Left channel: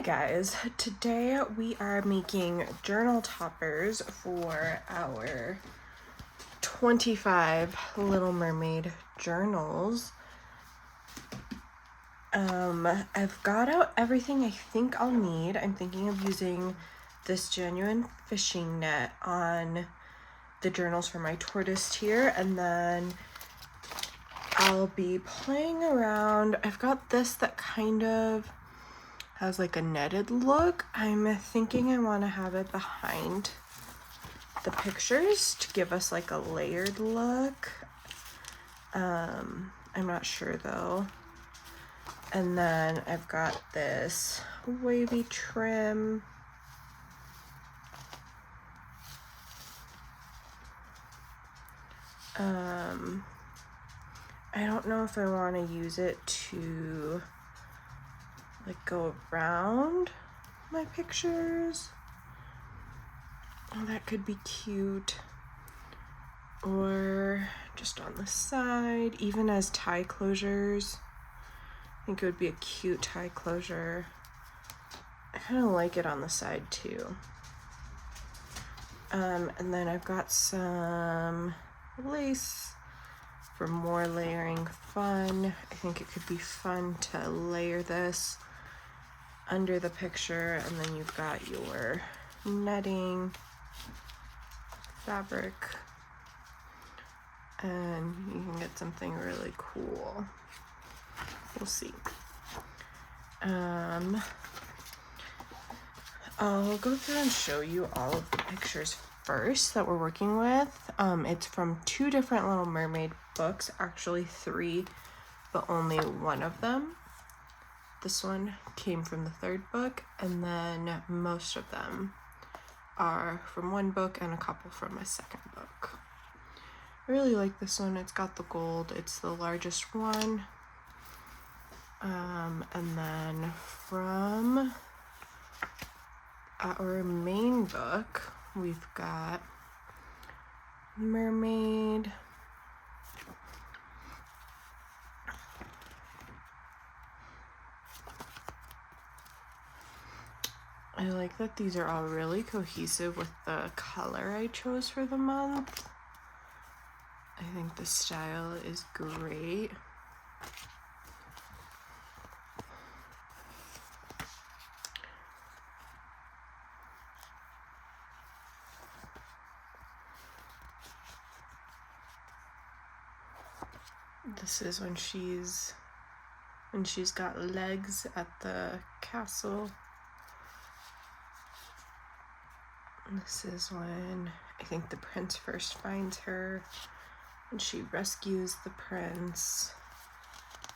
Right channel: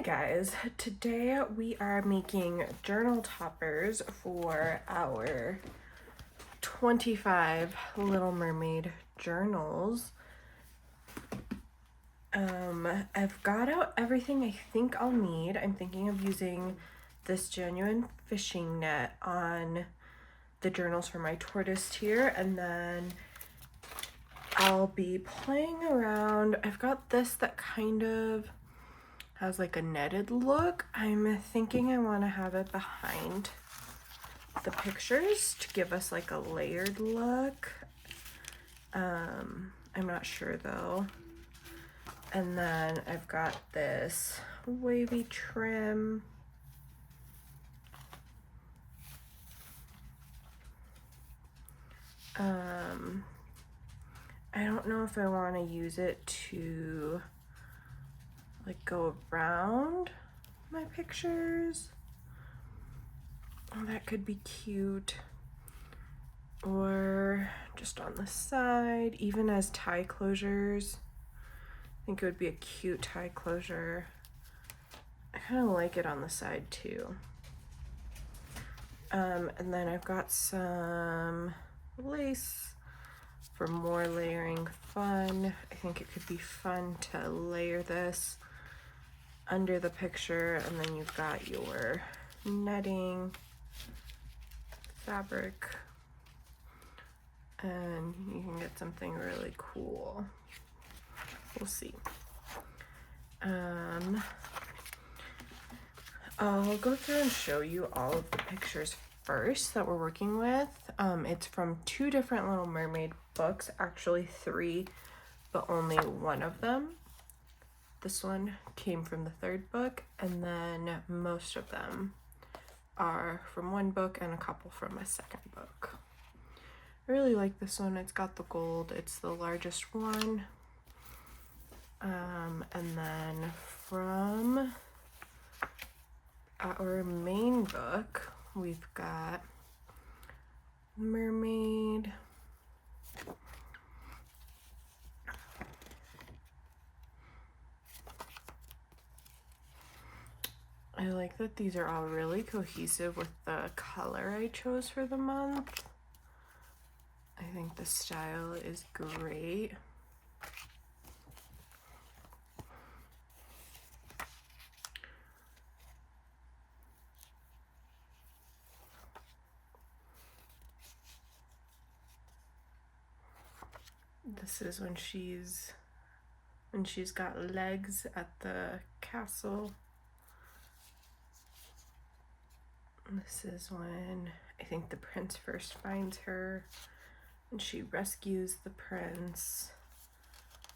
Hi guys, today we are making journal toppers for our 25 Little Mermaid journals. I've got out everything I think I'll need. I'm thinking of using this genuine fishing net on the journals for my tortoise here, and then I'll be playing around. I've got this that kind of has like a netted look. I'm thinking I want to have it behind the pictures to give us like a layered look. I'm not sure though. And then I've got this wavy trim. I don't know if I want to use it to like go around my pictures. Oh, that could be cute. Or just on the side, even as tie closures. I think it would be a cute tie closure. I kind of like it on the side too. And then I've got some lace for more layering fun. I think it could be fun to layer this under the picture, and then you've got your netting fabric, and you can get something really cool. We'll see. I'll go through and show you all of the pictures first that we're working with. It's from 2 different Little Mermaid books, actually 3, but only one of them. This one came from the 3rd book, and then most of them are from 1 book and a couple from a 2nd book. I really like this one. It's got the gold. It's the largest one. And then from our main book, we've got Mermaid, I like that these are all really cohesive with the color I chose for the month. I think the style is great. This is when she's got legs at the castle. This is when I think the prince first finds her, and she rescues the prince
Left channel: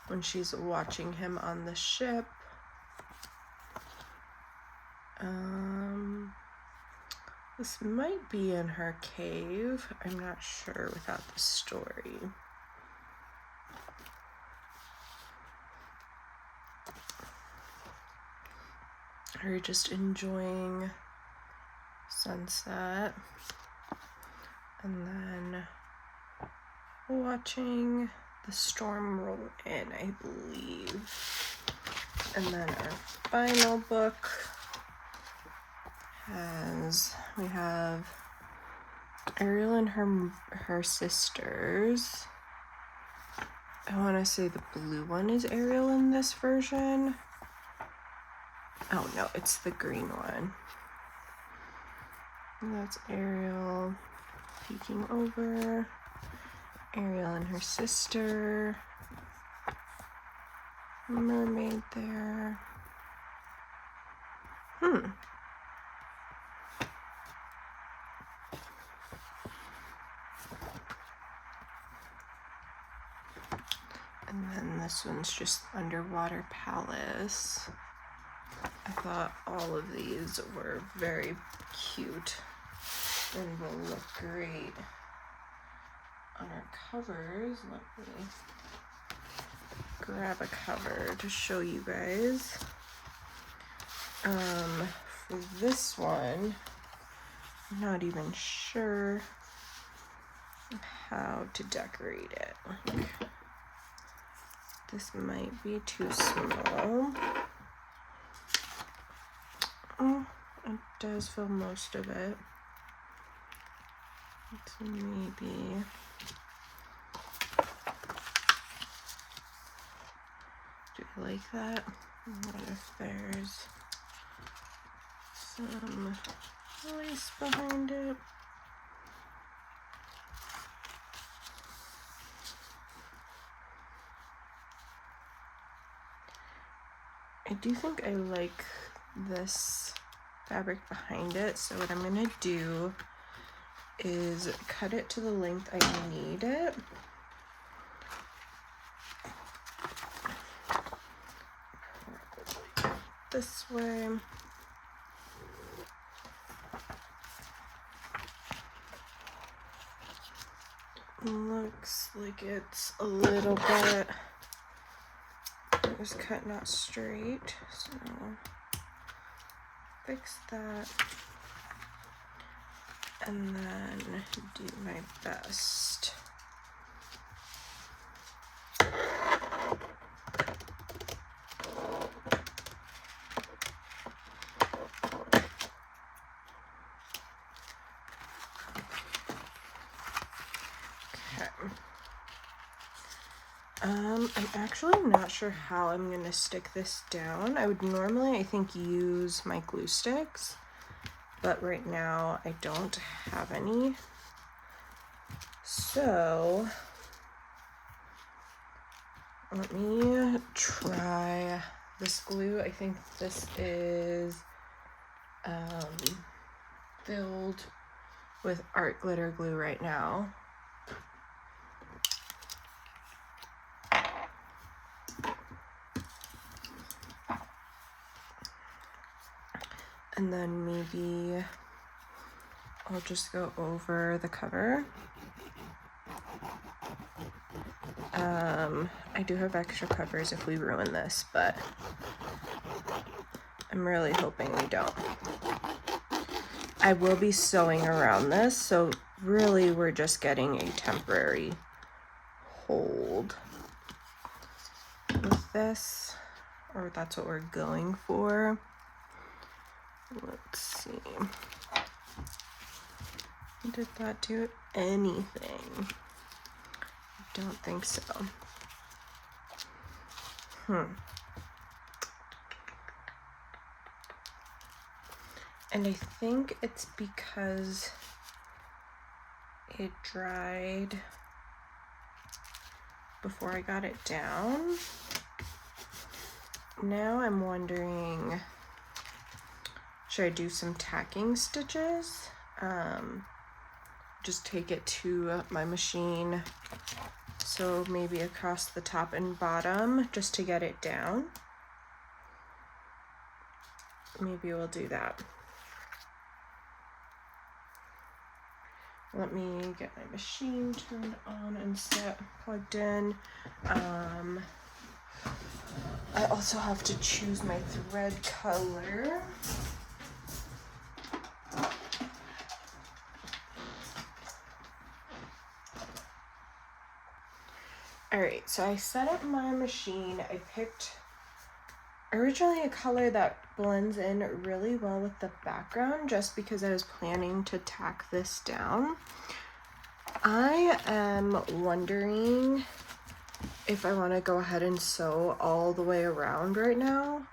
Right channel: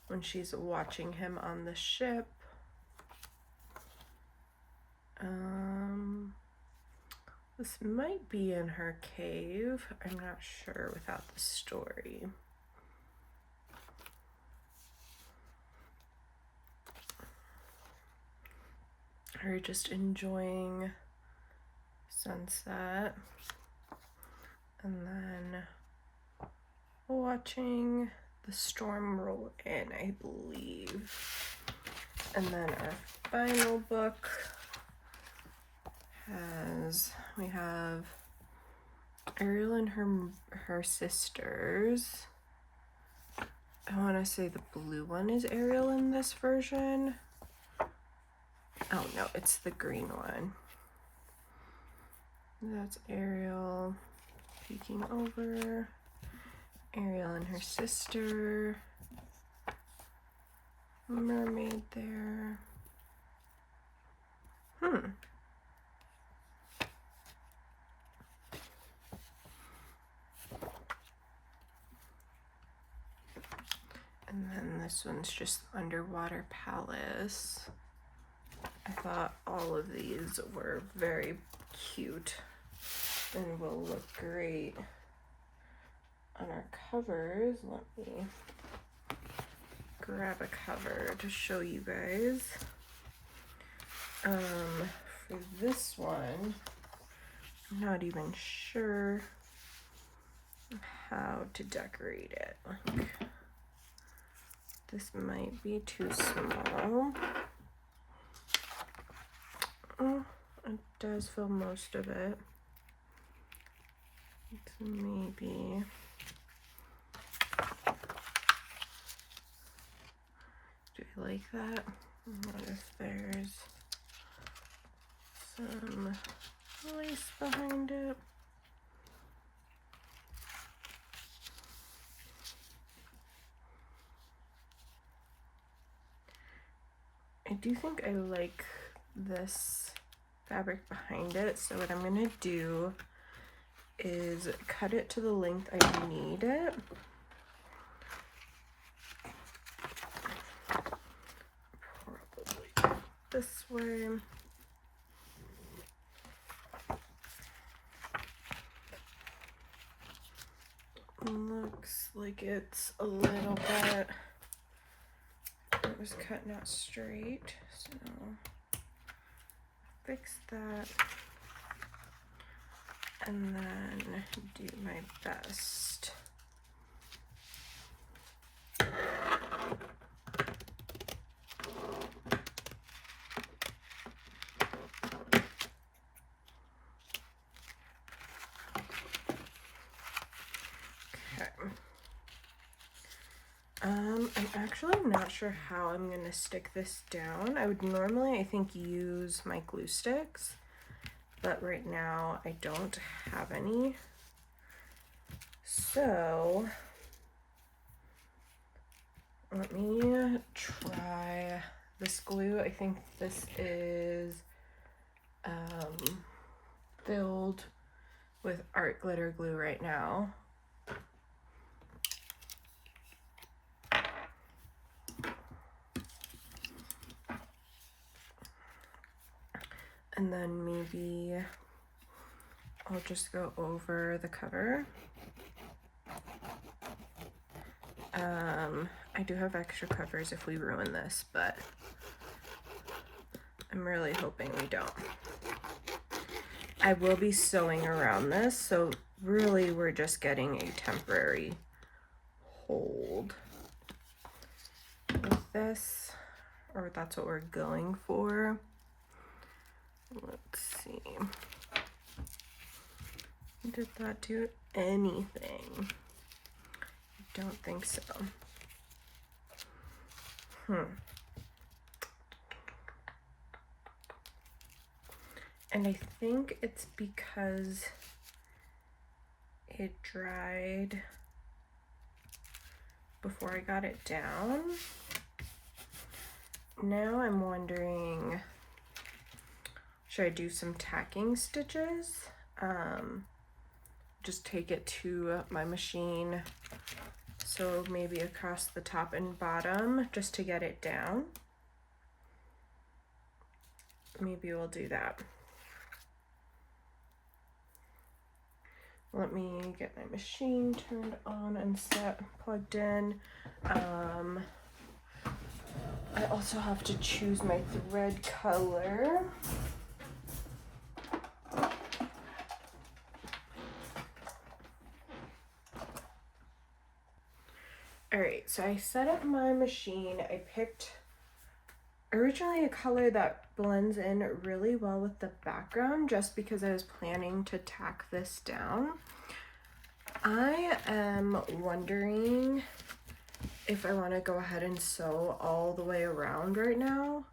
when she's watching him on the ship. This might be in her cave. I'm not sure without the story. Her just enjoying sunset, and then watching the storm roll in, I believe. And then our final book we have Ariel and her sisters. I want to say the blue one is Ariel in this version. Oh no, it's the green one. That's Ariel peeking over. Ariel and her sister. Mermaid there. And then this one's just Underwater Palace. I thought all of these were very cute and will look great on our covers. Let me grab a cover to show you guys. For this one, I'm not even sure how to decorate it. Like, this might be too small. Oh, it does fill most of it. So maybe do I like that? What if there's some lace behind it? I do think I like this fabric behind it, so what I'm gonna do is cut it to the length I need it. Probably this way. Looks like it's a little bit, it was cut not straight, so fix that and then do my best. I'm actually not sure how I'm gonna stick this down. I would normally, I think, use my glue sticks, but right now I don't have any. So let me try this glue. I think this is filled with art glitter glue right now. And then maybe I'll just go over the cover. I do have extra covers if we ruin this, but I'm really hoping we don't. I will be sewing around this, so really we're just getting a temporary hold with this, or that's what we're going for. Let's see. Did that do anything? I don't think so. And I think it's because it dried before I got it down. Now I'm wondering, should I do some tacking stitches? Just take it to my machine, so maybe across the top and bottom just to get it down. Maybe we'll do that. Let me get my machine turned on and set, plugged in. I also have to choose my thread color. Alright, so I set up my machine. I picked originally a color that blends in really well with the background, just because I was planning to tack this down. I am wondering if I want to go ahead and sew all the way around right now,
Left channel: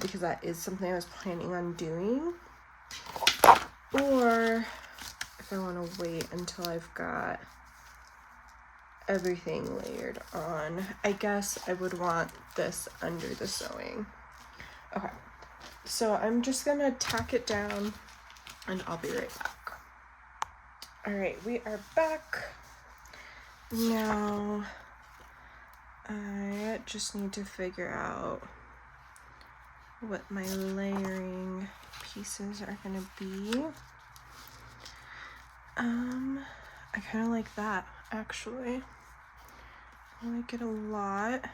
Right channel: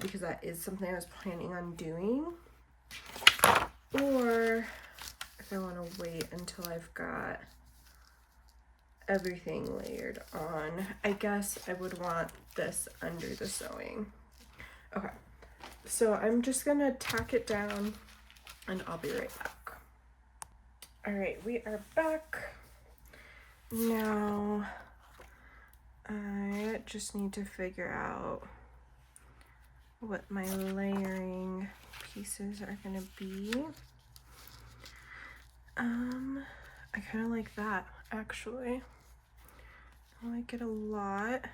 because that is something I was planning on doing, or if I want to wait until I've got everything layered on. I guess I would want this under the sewing. Okay, so I'm just gonna tack it down and I'll be right back. All right, we are back. Now I just need to figure out what my layering pieces are gonna be. I kind of like that, actually. I like it a lot.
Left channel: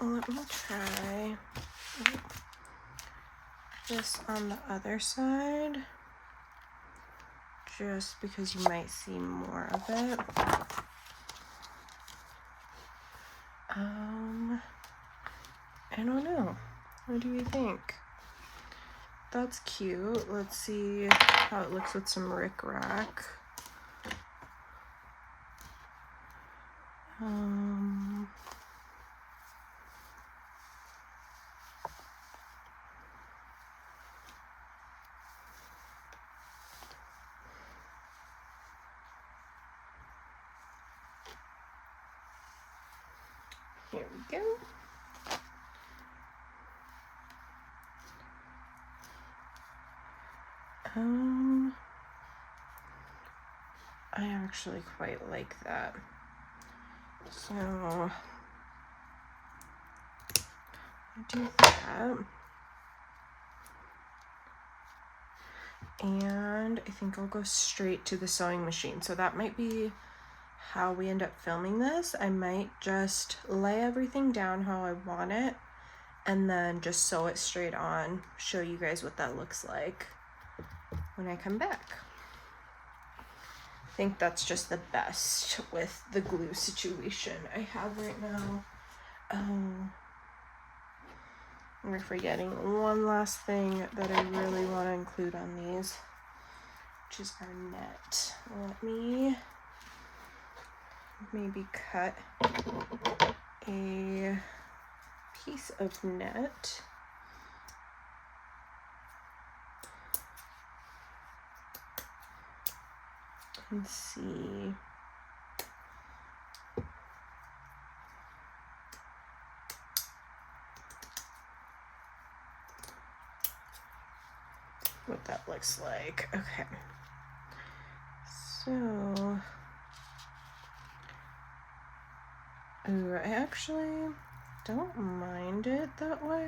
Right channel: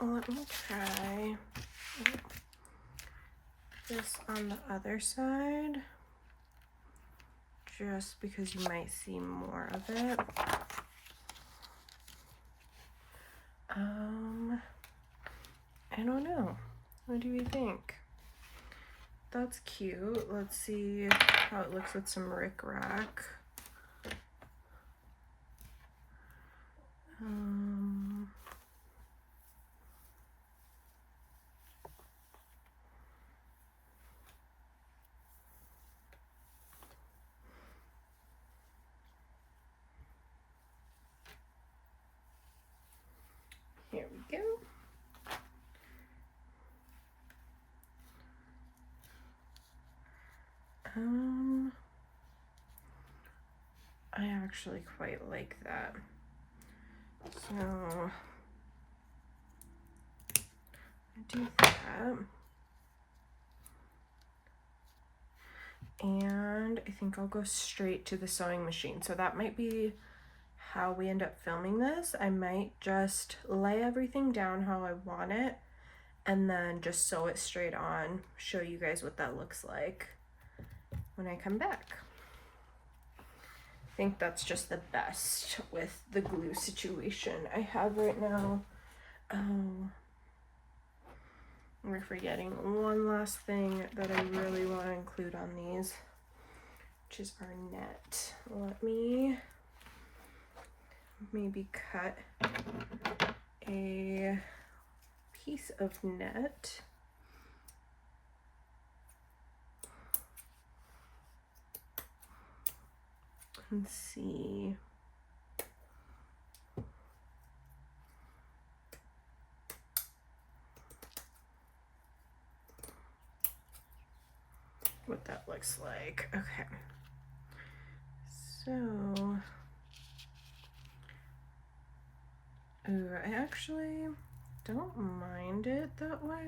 Let me try this on the other side, just because you might see more of it. I don't know. What do you think? That's cute. Let's see how it looks with some rickrack. Here we go. I actually quite like that. So I do that. And I think I'll go straight to the sewing machine. So that might be how we end up filming this. I might just lay everything down how I want it and then just sew it straight on, show you guys what that looks like when I come back. I think that's just the best with the glue situation I have right now. We're forgetting one last thing that I really want to include on these, which is our net. Let me maybe cut a piece of net. And see. What that looks like. Okay. So, ooh, I actually don't mind it that way.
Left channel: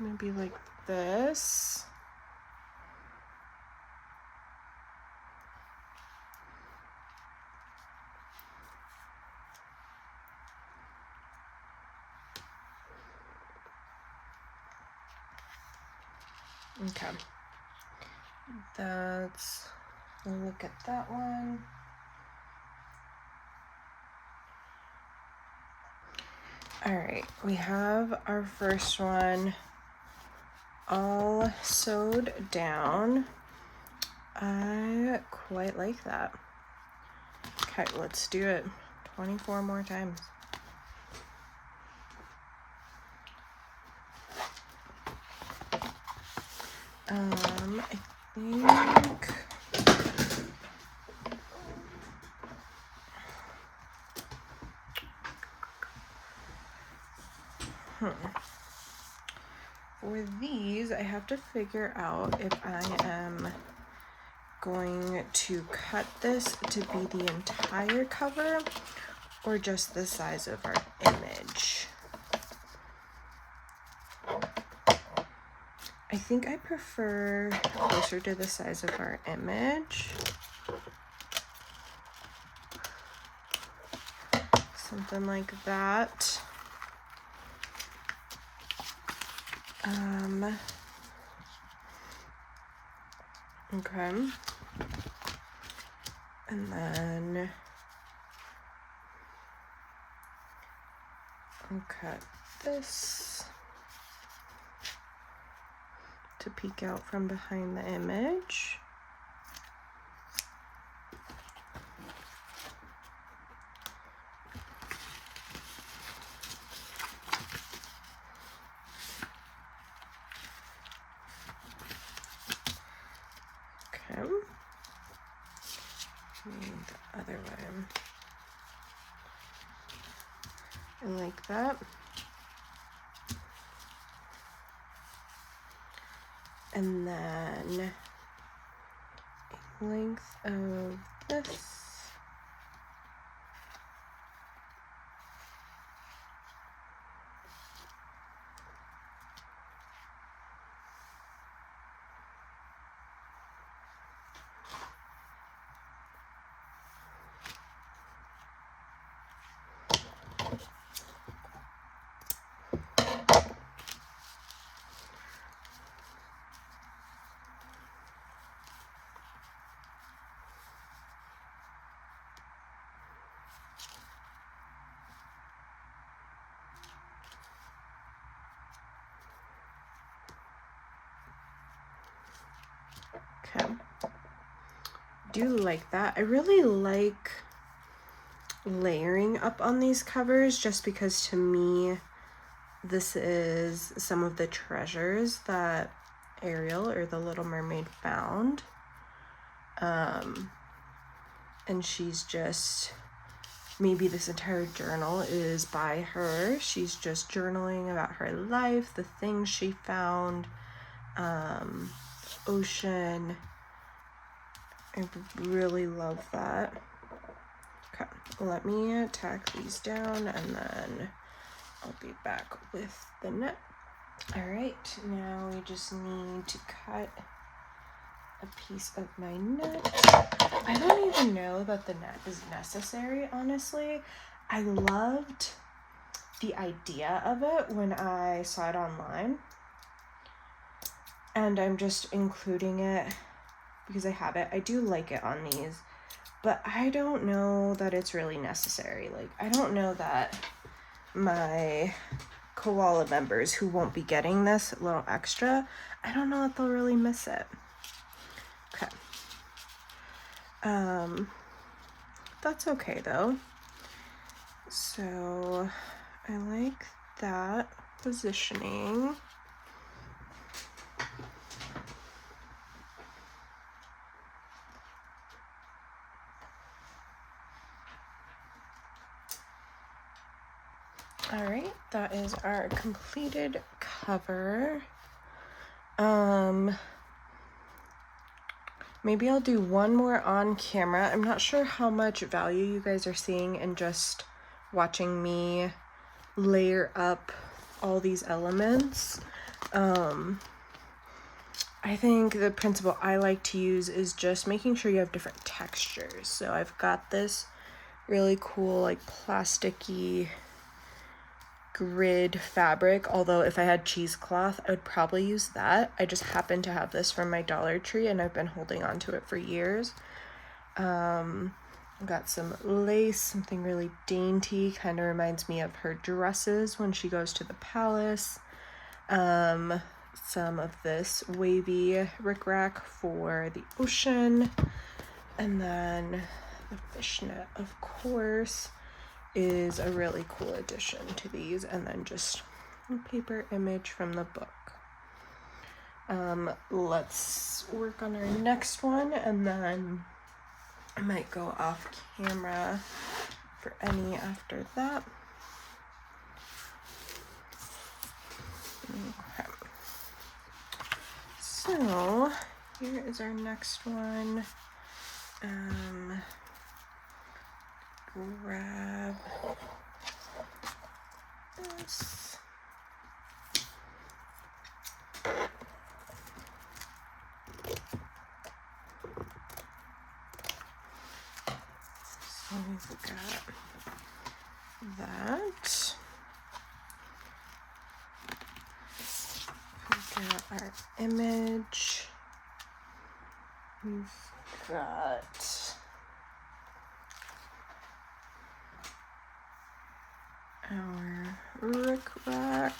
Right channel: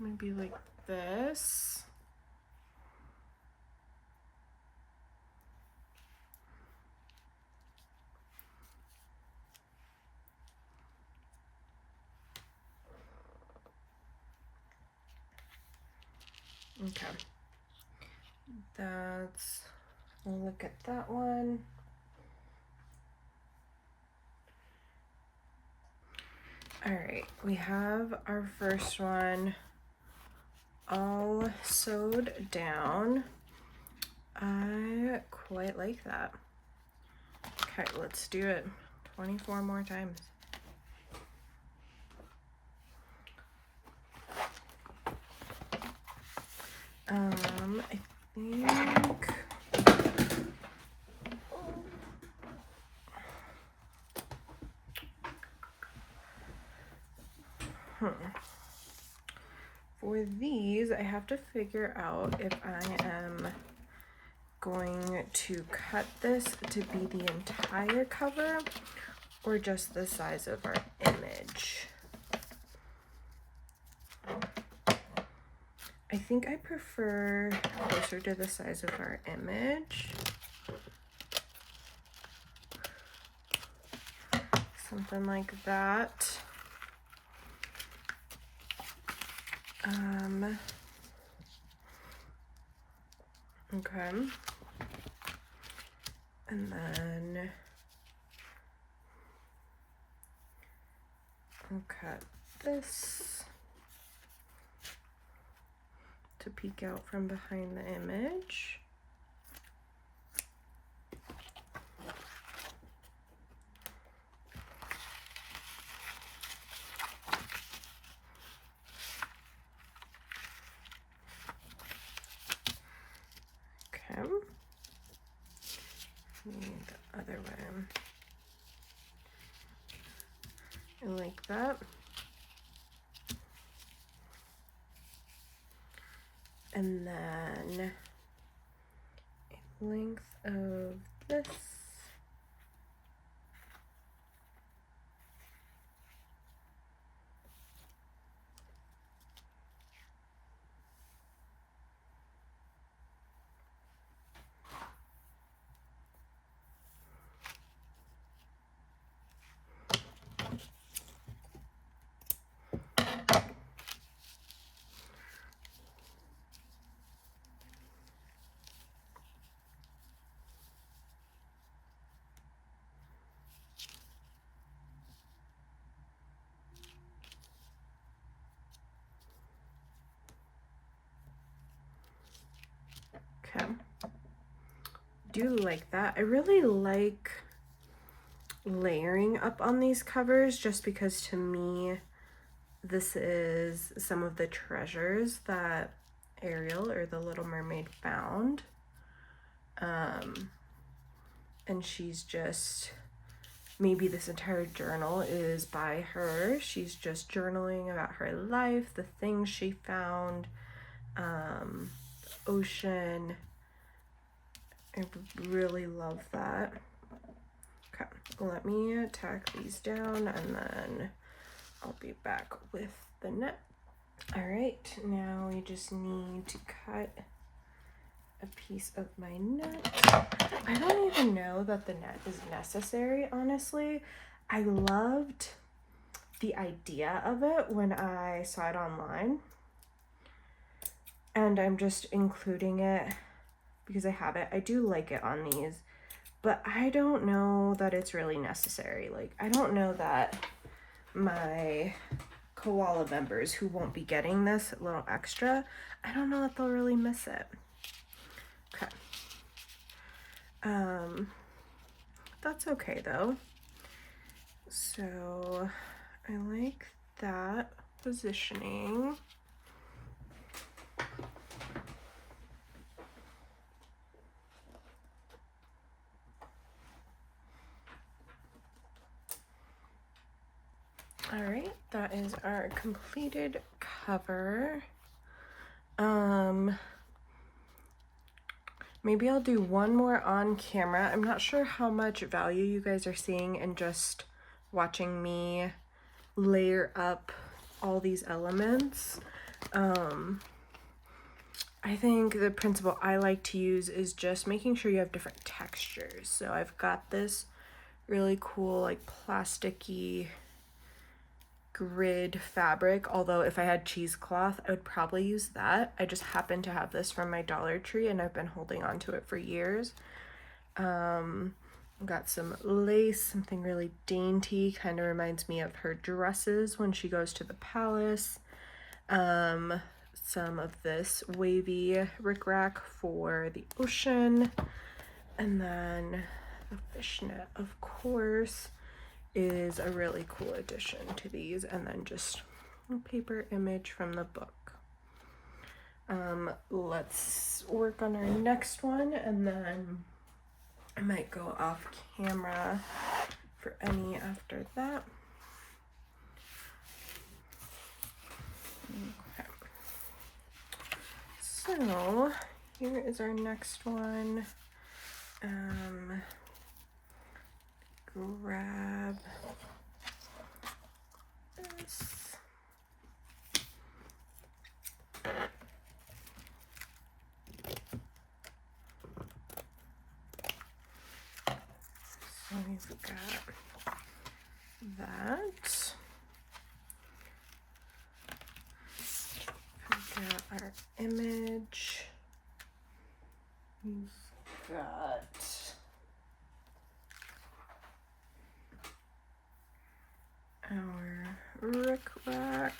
Maybe like this. Okay. We'll look at that one. All right, we have our first one all sewed down. I quite like that. Okay, let's do it 24 more times. I think for these, I have to figure out if I am going to cut this to be the entire cover or just the size of our image. I think I prefer closer to the size of our image. Something like that. Okay. And then I'll cut this to peek out from behind the image. Okay. The other way. I like that. And then length of this. do like that. I really like layering up on these covers just because to me this is some of the treasures that Ariel or the Little Mermaid found. And she's just, maybe this entire journal is by her. She's just journaling about her life, the things she found, ocean. I really love that. Okay, let me tack these down and then I'll be back with the net. All right, now we just need to cut a piece of my net. I don't even know that the net is necessary, honestly. I loved the idea of it when I saw it online, and I'm just including it because I have it. I do like it on these, but I don't know that it's really necessary. Like, I don't know that my koala members who won't be getting this little extra, I don't know that they'll really miss it. Okay. That's okay though. So I like that positioning. All right, that is our completed cover. Maybe I'll do one more on camera. I'm not sure how much value you guys are seeing in just watching me layer up all these elements. I think the principle I like to use is just making sure you have different textures. So I've got this really cool, like, plasticky grid fabric, although if I had cheesecloth I would probably use that. I just happen to have this from my Dollar Tree and I've been holding on to it for years. I've got some lace, something really dainty, kind of reminds me of her dresses when she goes to the palace. Some of this wavy rickrack for the ocean, and then the fishnet, of course, is a really cool addition to these, and then just a paper image from the book. Let's work on our next one, and then I might go off camera for any after that. Okay. So here is our next one. Grab this. So we've got that. We've got our image. We've got our rickrack.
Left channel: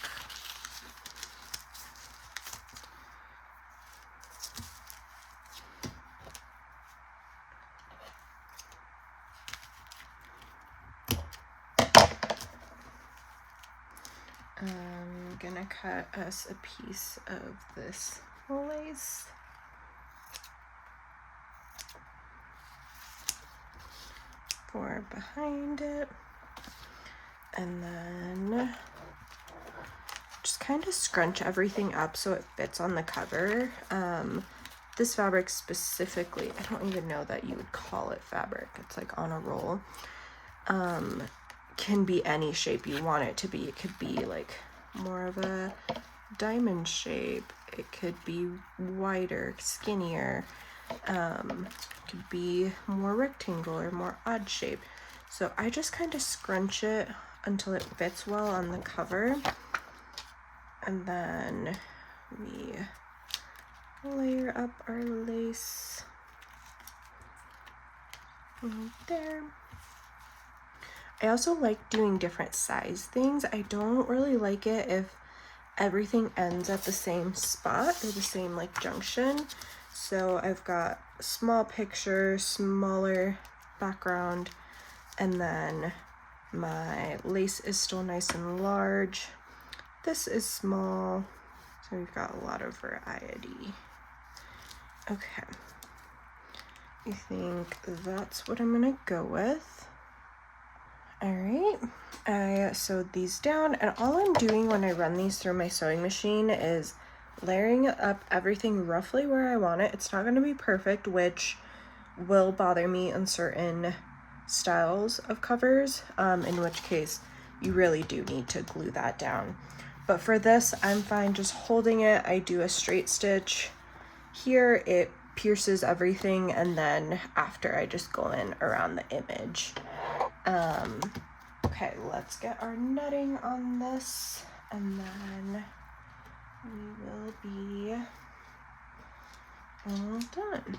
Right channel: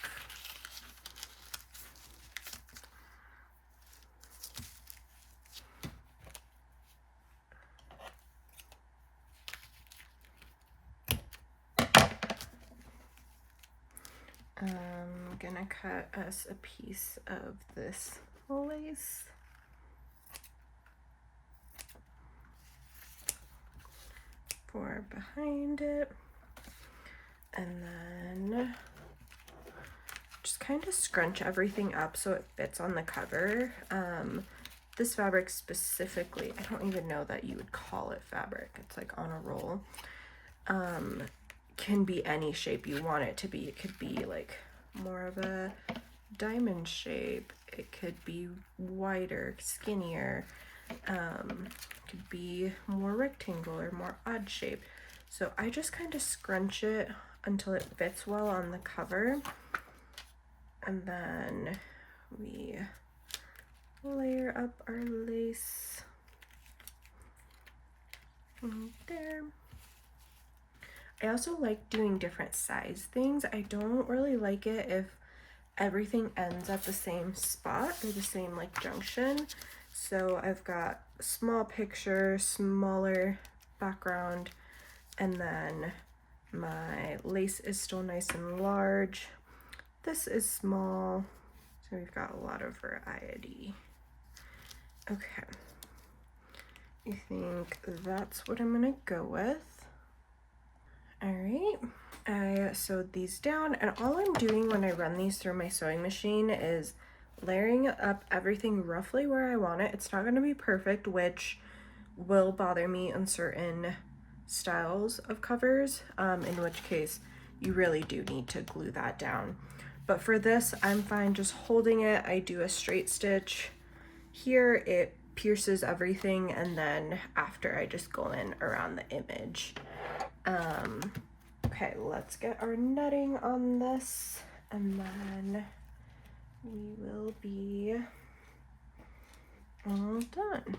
I'm gonna cut us a piece of this lace. For behind it. And then just kind of scrunch everything up so it fits on the cover. This fabric specifically, I don't even know that you would call it fabric. It's like on a roll. Can be any shape you want it to be. It could be like more of a diamond shape. It could be wider, skinnier. Could be more rectangular, more odd shape. So I just kind of scrunch it until it fits well on the cover, and then we layer up our lace right there. I also like doing different size things. I don't really like it if everything ends at the same spot or the same like junction. So I've got small picture, smaller background, and then my lace is still nice and large. This is small, so we've got a lot of variety. Okay, I think that's what I'm gonna go with. All right, I sewed these down, and all I'm doing when I run these through my sewing machine is layering up everything roughly where I want it. It's not gonna be perfect, which will bother me in certain styles of covers, in which case you really do need to glue that down. But for this, I'm fine just holding it. I do a straight stitch here, it pierces everything, and then after I just go in around the image. Okay, let's get our netting on this, and then we will be all done.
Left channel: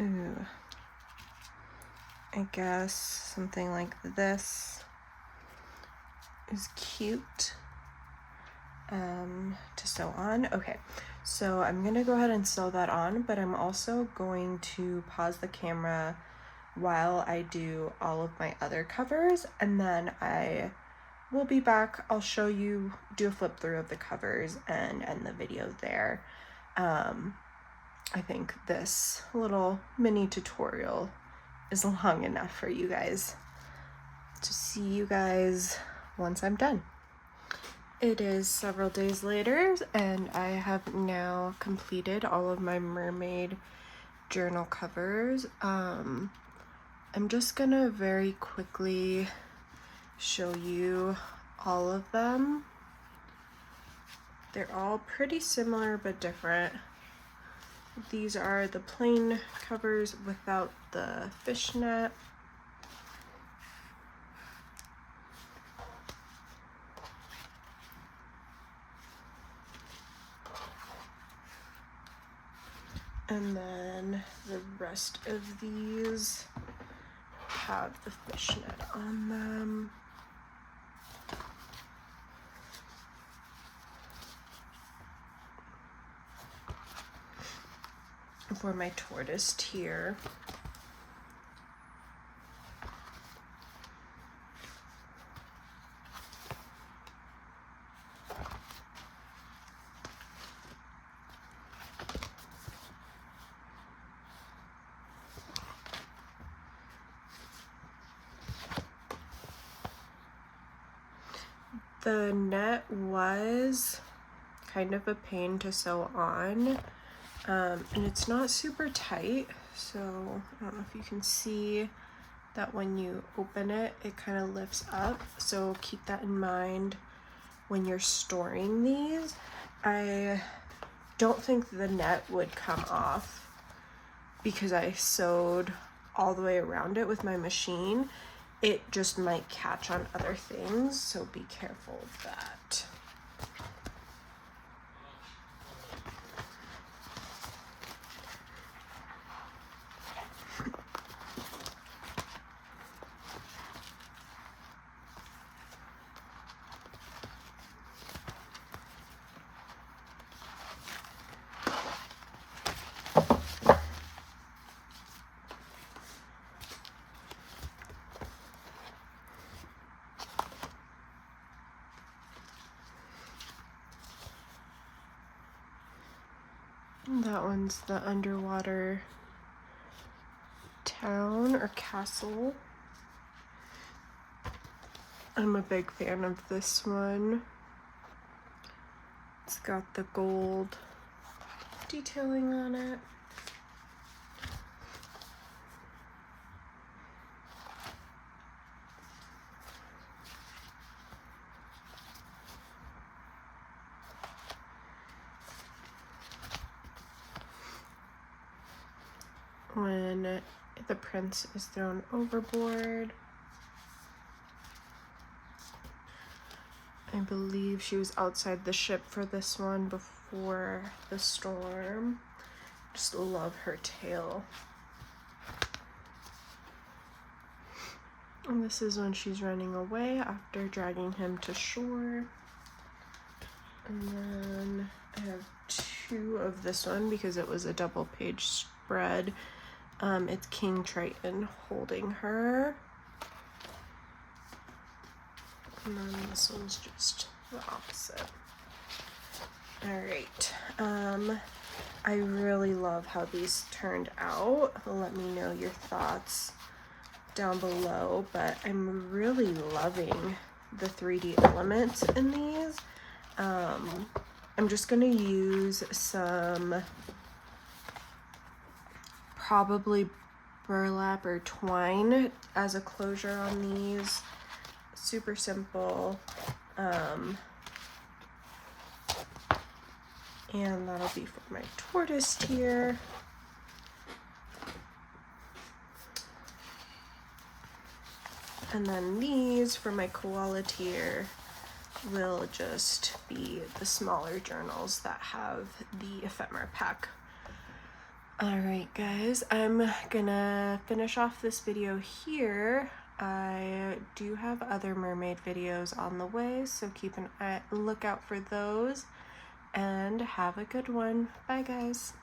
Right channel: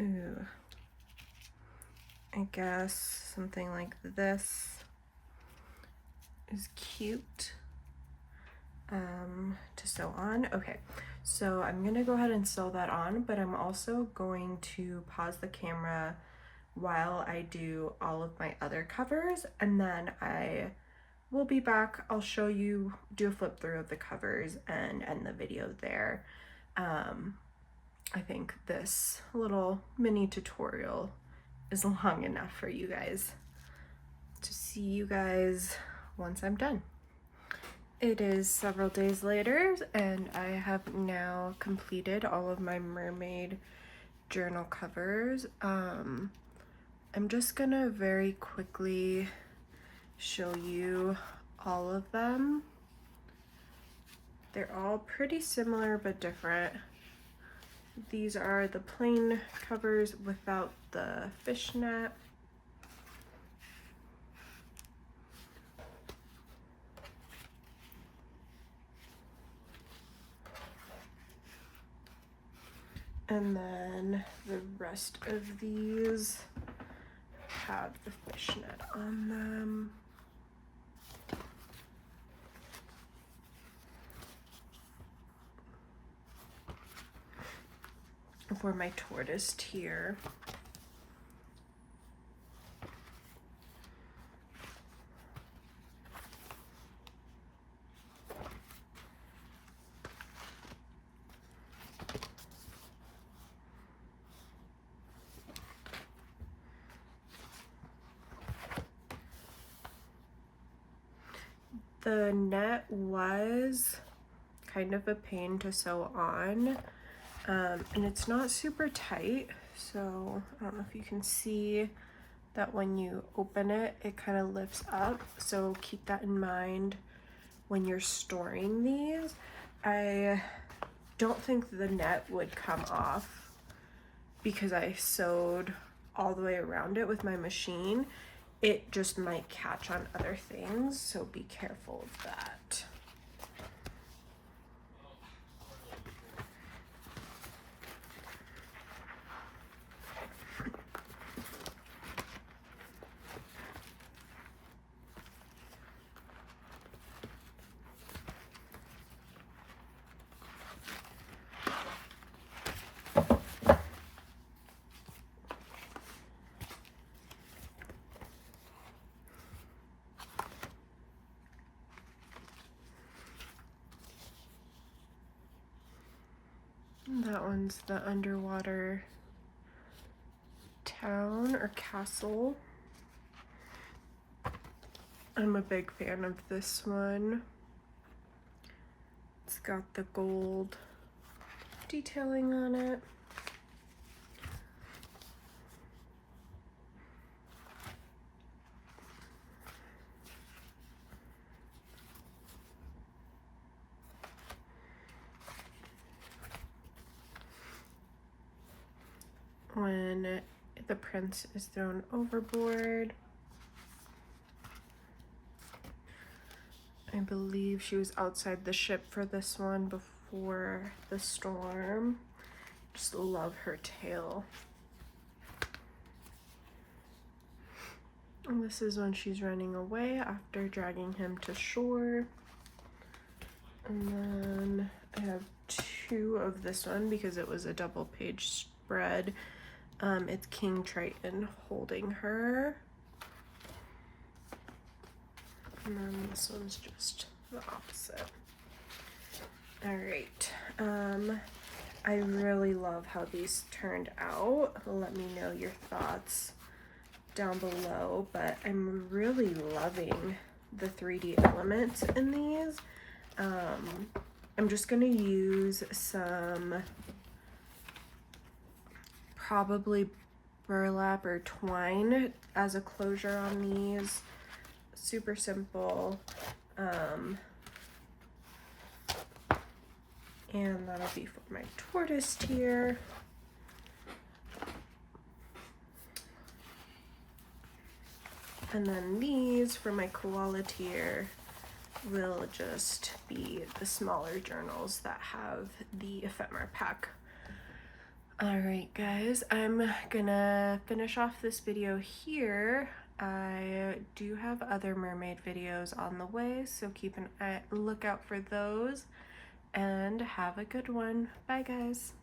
Ooh, I guess something like this is cute to sew on. Okay, so I'm gonna go ahead and sew that on, but I'm also going to pause the camera while I do all of my other covers, and then I will be back. I'll show you, do a flip through of the covers and end the video there. I think this little mini tutorial is long enough for you guys to see you guys once I'm done. It is several days later, and I have now completed all of my mermaid journal covers. I'm just gonna very quickly show you all of them. They're all pretty similar but different. These are the plain covers without the fishnet. And then the rest of these have the fishnet on them. For my tortoise here, the net was kind of a pain to sew on, and it's not super tight, so I don't know if you can see that when you open it, it kind of lifts up, so keep that in mind when you're storing these. I don't think the net would come off because I sewed all the way around it with my machine. It just might catch on other things, so be careful of that. That one's the underwater town or castle. I'm a big fan of this one. It's got the gold detailing on it. the prince is thrown overboard. I believe she was outside the ship for this one before the storm. Just love her tail. And this is when she's running away after dragging him to shore. And then I have two of this one because it was a double page spread. It's King Triton holding her. And then this one's just the opposite. All right. I really love how these turned out. Let me know your thoughts down below, but I'm really loving the 3D elements in these. I'm just gonna use some probably burlap or twine as a closure on these. Super simple. And that'll be for my tortoise here. And then these for my koala tier will just be the smaller journals that have the ephemera pack. All right, guys, I'm gonna finish off this video here. I do have other mermaid videos on the way, so keep an eye, look out for those, and have a good one. Bye, guys.